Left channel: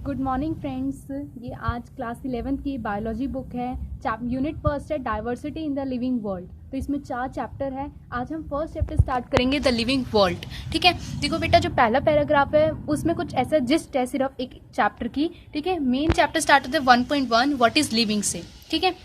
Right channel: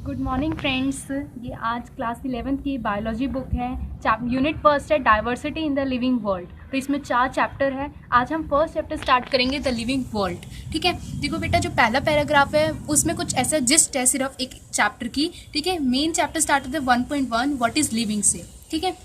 Good morning friends. ये आज class 11th की बायोलॉजी बुक है। यूनिट फर्स्ट है diversity in the living world. तो इसमें 4 चैप्टर है। आज हम फर्स्ट चैप्टर स्टार्ट करेंगे द लिविंग वर्ल्ड। ठीक है, देखो बेटा, जो पहला पैराग्राफ है उसमें कुछ ऐसा जिस्ट है सिर्फ एक चैप्टर की। ठीक है, मेन चैप्टर स्टार्ट होता है 1.1 व्हाट इज लिविंग से। ठीक है,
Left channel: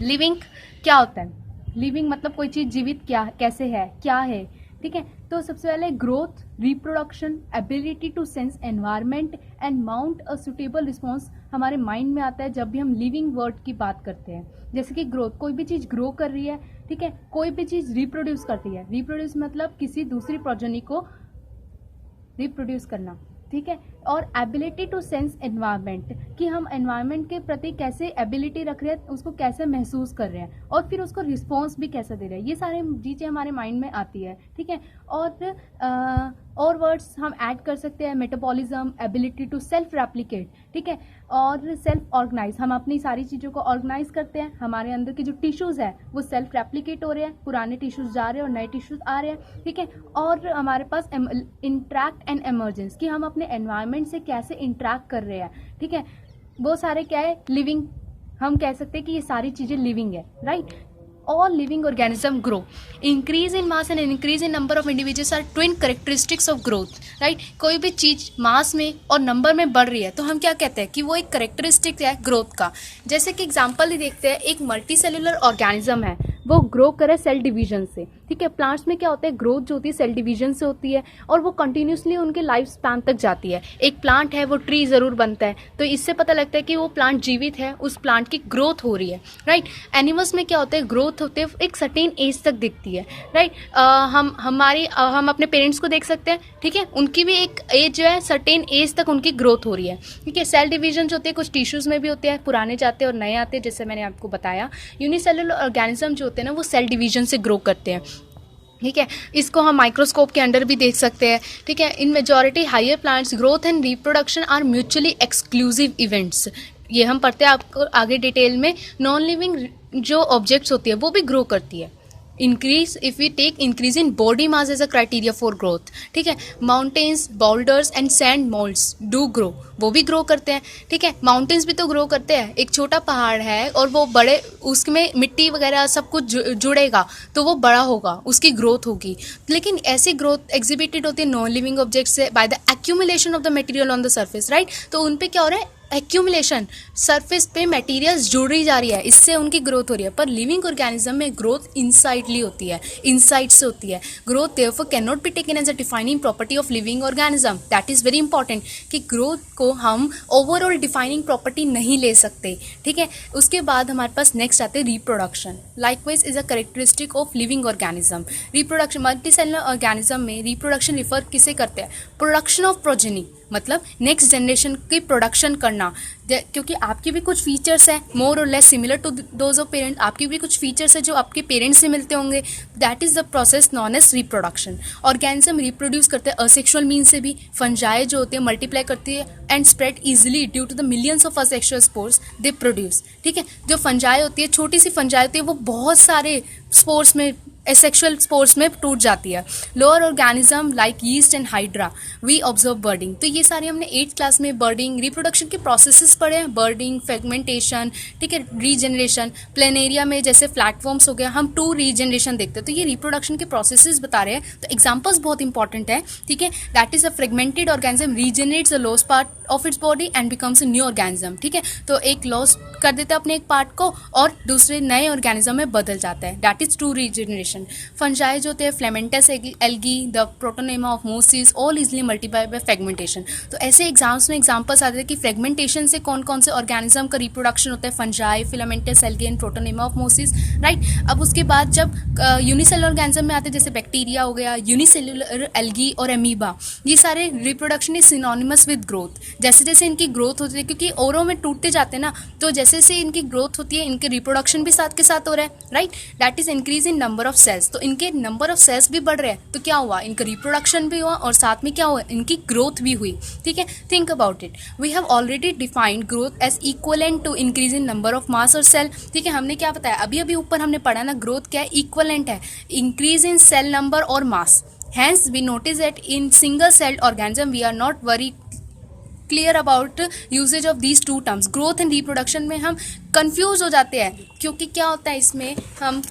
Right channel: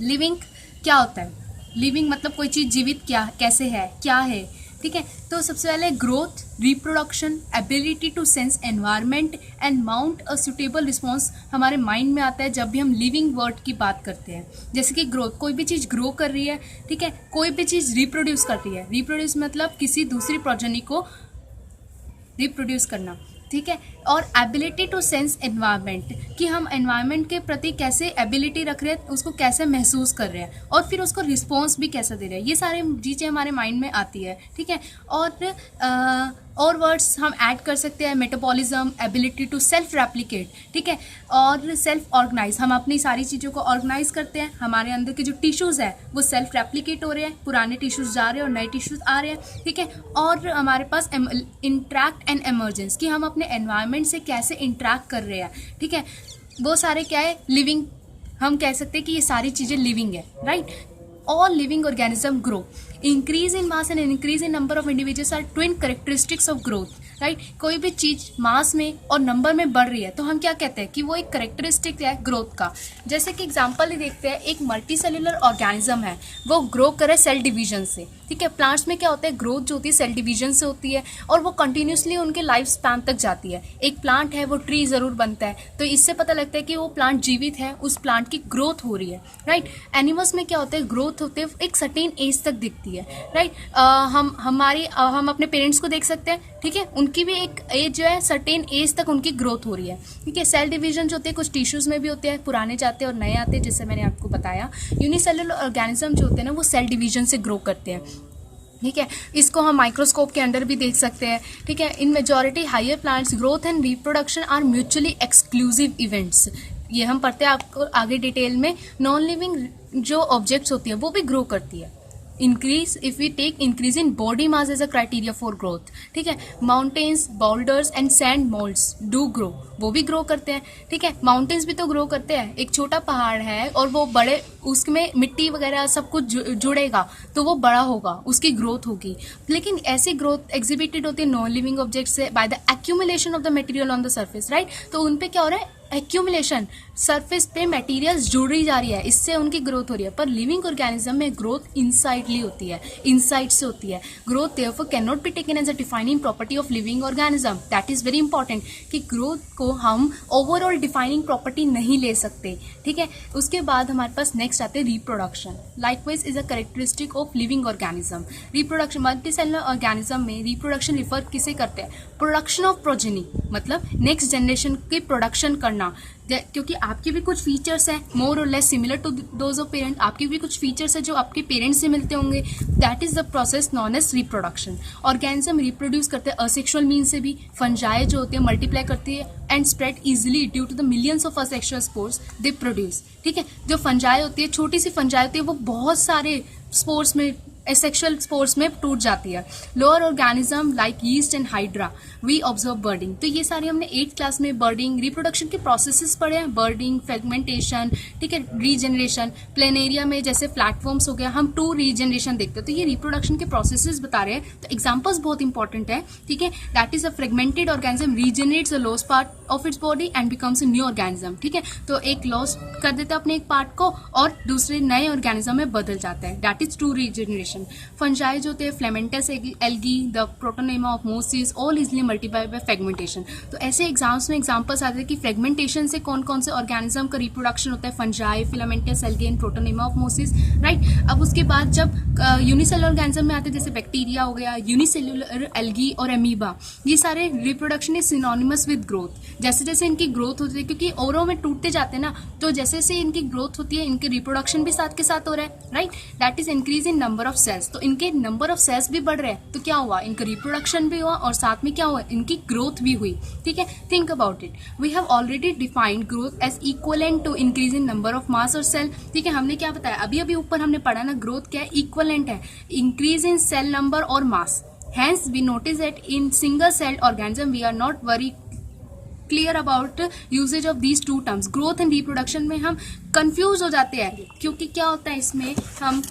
लिविंग क्या होता है? लिविंग मतलब कोई चीज़ जीवित क्या कैसे है, क्या है। ठीक है, तो सबसे पहले growth, reproduction, ability to sense environment and mount a suitable response हमारे माइंड में आता है जब भी हम लिविंग वर्ड की बात करते हैं। जैसे कि ग्रोथ, कोई भी चीज़ ग्रो कर रही है। ठीक है, कोई भी चीज़ रिप्रोड्यूस कर रही है। रिप्रोड्यूस मतलब किसी दूसरी प्रोजेनी को रिप्रोड्यूस करना। ठीक है, और एबिलिटी टू सेंस एनवायरनमेंट, कि हम एनवायरनमेंट के प्रति कैसे एबिलिटी रख रहे हैं, उसको कैसे महसूस कर रहे हैं और फिर उसको रिस्पॉन्स भी कैसा दे रहे हैं। ये सारे चीज़ें हमारे माइंड में आती है। ठीक है, और वर्ड्स हम ऐड कर सकते हैं, metabolism, ability to self replicate. ठीक है, और सेल्फ ऑर्गेनाइज, हम अपनी सारी चीज़ों को ऑर्गेनाइज करते हैं। हमारे अंदर के जो टिश्यूज़ है वो सेल्फ रेप्लिकेट हो रहे हैं, पुराने टिश्यूज़ जा रहे हैं और नए टिश्यूज़ आ रहे हैं। ठीक है, और हमारे पास इंट्रैक्ट एंड एमर्जेंस, कि हम अपने एनवायरनमेंट से कैसे इंट्रैक्ट कर रहे हैं। ठीक है, वो सारे क्या है, लिविंग। हम कह सकते हैं कि ये सारी चीज़ें लिविंग है, right. All living organism grow, increase in mass and increase in number of individuals are twin characteristics of growth, right. कोई भी चीज़ मास में और नंबर में बढ़ रही है तो हम क्या कहते हैं कि वो एक करेक्टरिस्टिक है ग्रोथ का। जैसे कि एग्जांपल ही देखते हैं, एक मल्टी सेलुलर ऑर्गेनिज्म है, वो ग्रो करे सेल डिवीजन से। ठीक है, प्लांट्स में क्या होता है, ग्रोथ जो होती है सेल डिवीजन से होती है और वो कंटिन्यूसली उनके लाइफ स्पैन तक जाती है। एक प्लांट है वो ट्री ज़रूर बनता है, तो इससे पता लगता है कि वो प्लांट जीवित है, उस प्लांट की ग्रोथ हो रही है, राइट। एनिमल्स में क्या होता है, ग्रोथ होते हैं एक सर्टेन एज तक दिखती है, राइट। हम अपने पेरेंट्स को देख सकते हैं। ठीक है, उनकी भी एक एज जो है, सर्टेन एज तक उनकी ग्रोथ हो रही है। ठीक है, सेल डिवीजन जो होते हैं कुछ टिश्यूज में भी होते हैं, पुराने जाते हैं और नए आते हैं, जैसे मैंने आपको बताया। यूनिसेलुलर ऑर्गेनिज्म जो होते हैं ना, वो सेल डिवीजन से ग्रो करते हैं। ठीक है, इसको हम माइक्रोस्कोप के अंडर भी देख सकते हैं। ठीक है, in majority higher plants growth and reproduction are mutually exclusive events. ये हम पढ़ते हैं आपको आगे डिटेल में। नॉन लिविंग जो ऑब्जेक्ट्स होती है वो भी ग्रो करती है। Increase, if we take increase in body mass as a criteria for growth. ठीक है, mountains, boulders and sand moulds do grow, वो भी ग्रो करते हैं। ठीक है, माउंटेन्स भी तो ग्रो करते हैं। एक छोटा पहाड़ है और वो बड़े, उसमें मिट्टी वगैरह सब कुछ जुड़ेगा तो वो बड़ा होगा, उसकी ग्रोथ होगी। लेकिन ऐसी ग्रोथ एग्जिबिटेड होती है नॉन लिविंग ऑब्जेक्ट से by the accumulation of the material on the surface, right. तो उन पे क्या हो रहा है, एक्यूमुलेशन, सरफेस पे मटेरियल्स जुड़ी जा रही है, इससे उनकी ग्रोथ हो रही है। पर लिविंग ऑर्गेनिज्म में ग्रोथ इनसाइडली होती है, इनसाइड से होती है। Growth therefore can not be taken as a defining property of living organism. That is very important कि ग्रोथ को हम ओवरऑल डिफाइनिंग प्रॉपर्टी नहीं ले सकते। ठीक है, उसके बाद हमारे पास नेक्स्ट आते हैं reproduction. Likewise is a characteristic of living organism. Reproduction, multicellular organism में रिप्रोडक्शन रिफर किसे करते हैं, प्रोडक्शन ऑफ प्रोजेनी, मतलब नेक्स्ट जनरेशन की प्रोडक्शन करना। क्योंकि आपके भी कुछ फीचर्स हैं मोर और less similar to those of parent, आपके भी कुछ फीचर्स हैं जो आपके पेरेंट्स से मिलते होंगे। That is the process known as reproduction. Organism reproduce करते हैं असेक्सुअल मीन से भी। फंजाई जो होते हैं मल्टीप्लाई करती है and spread easily due to the millions of asexual spores they produce. ठीक है, जो फंजाई होती है, छोटी सी फंजाई होती है, वो बहुत सारे स्पोर्स में, एसेक्सुअल स्पोर्स में टूट जाती है। Lower organism like yeast and hydra we observe budding. तो ये सारे हमने 8th क्लास में बर्डिंग, रिप्रोडक्शन के प्रोसेसेस पढ़े हैं, बर्डिंग, फ्रेगमेंटेशन, ठीक है, रीजनरेशन। प्लेनेरिया में जैसे प्लेटफॉर्म्स हो गया, हम 2 रीजनरेशन देखते हैं, तो ये रिप्रोडक्शन के प्रोसेसेस बता रहे हैं। तो एग्जाम्पल्स बहुत इंपॉर्टेंट है। ठीक है, that is a fragmented organism regenerates the lost part of its body and becomes a new organism. ठीक है, तो एक लॉस कर देता है अपने एक पार्ट को और दूसरे नए ऑर्गेनिज्म में बदल जाता है। That is 2 regeneration. फंजाई जो होते हैं, filamentous algae, the protonema of mosses, all easily multiply by fragmentation. तो ऐसे एग्जाम्स में एग्जांपल्स आते हैं कि फ्रेगमेंटेशन से कौन कौन से ऑर्गेनिज्म का रिप्रोडक्शन होता है, fungi, filamentous algae and protonema of mosses, right. अब उसके बाद जब यूनिसेलुलर ऑर्गेनिज्म में आते हैं, जैसे बैक्टीरिया हो गया, यूनिसेलुलर एल्गी और एमीबा, ये सारे reproduction is synonymous with growth. जैसे जैसे इनकी ग्रोथ होती है, क्योंकि ओरों में टूटते जाते हैं ना, तो जैसे जैसे इनकी ग्रोथ होती है, इनके रिप्रोडक्शन भी साथ के साथ हो रहा है, right. That is increase in number of cells. तो इनके नंबर ऑफ सेल्स भी बढ़ रहे हैं, तो क्या हुआ, इनका रिप्रोडक्शन भी हुआ और साथ में क्या हुआ, इनकी ग्रोथ भी हुई। ठीक है, think about it. We have already defined growth as equivalent to increase in number of mass और सेल। ठीक है, हमने क्या बताया, अभी अभी ऊपर हमने पढ़ा ना, ग्रोथ क्या है, इक्वलेंट है, इंक्रीज इन सेल नंबर और मास। Hence, we notice that in single-celled organism, we are not very clear about usages of these two terms. Growth and reproduction में हम कंफ्यूज हो जाते हैं, क्योंकि क्या होता है इसमें हम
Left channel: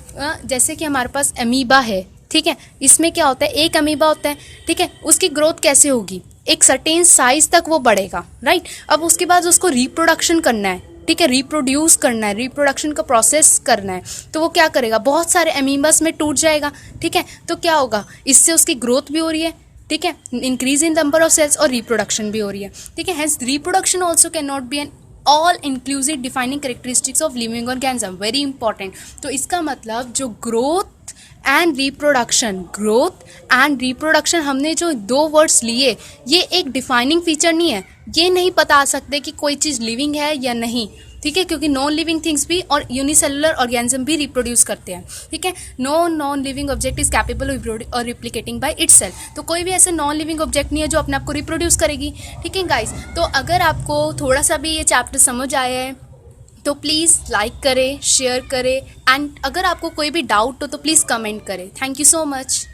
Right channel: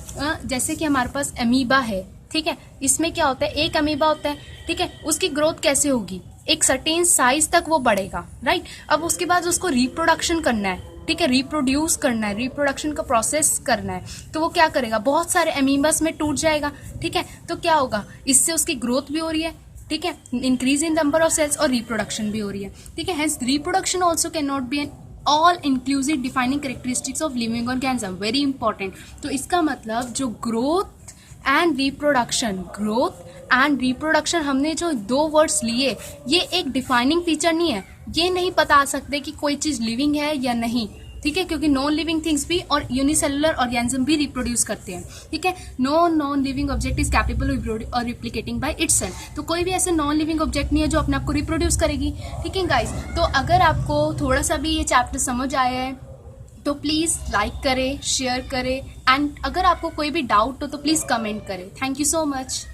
जैसे कि हमारे पास अमीबा है, ठीक है, इसमें क्या होता है, एक अमीबा होता है, ठीक है, उसकी ग्रोथ कैसे होगी, एक सर्टेन साइज तक वो बढ़ेगा, राइट। अब उसके बाद उसको रिप्रोडक्शन करना है, ठीक है, रिप्रोड्यूस करना है, रिप्रोडक्शन का प्रोसेस करना है, तो वो क्या करेगा, बहुत सारे अमीबास में टूट जाएगा, ठीक है। तो क्या होगा, इससे उसकी ग्रोथ भी हो रही है, ठीक है, increase in number of cells, और रिप्रोडक्शन भी हो रही है, ठीक है। Hence reproduction also can not be an all inclusive defining characteristics of living organism, very important. तो इसका मतलब जो growth and reproduction, growth and reproduction, हमने जो दो वर्ड्स लिए, ये एक डिफाइनिंग फीचर नहीं है, ये नहीं बता सकते कि कोई चीज़ लिविंग है या नहीं, ठीक है, क्योंकि नॉन लिविंग थिंग्स भी और यूनिसेलुलर ऑर्गेनिज्म भी रिप्रोड्यूस करते हैं, ठीक है। No non living object is capable और रिप्लिकेटिंग बाय इटसेल्फ, तो कोई भी ऐसा नॉन लिविंग ऑब्जेक्ट नहीं है जो अपने आप को रिप्रोड्यूस करेगी, ठीक है गाइस। तो अगर आपको थोड़ा सा भी ये चैप्टर समझ आया है तो प्लीज़ लाइक करें, शेयर करें, एंड अगर आपको कोई भी डाउट हो तो प्लीज़ कमेंट करें। Thank you so much.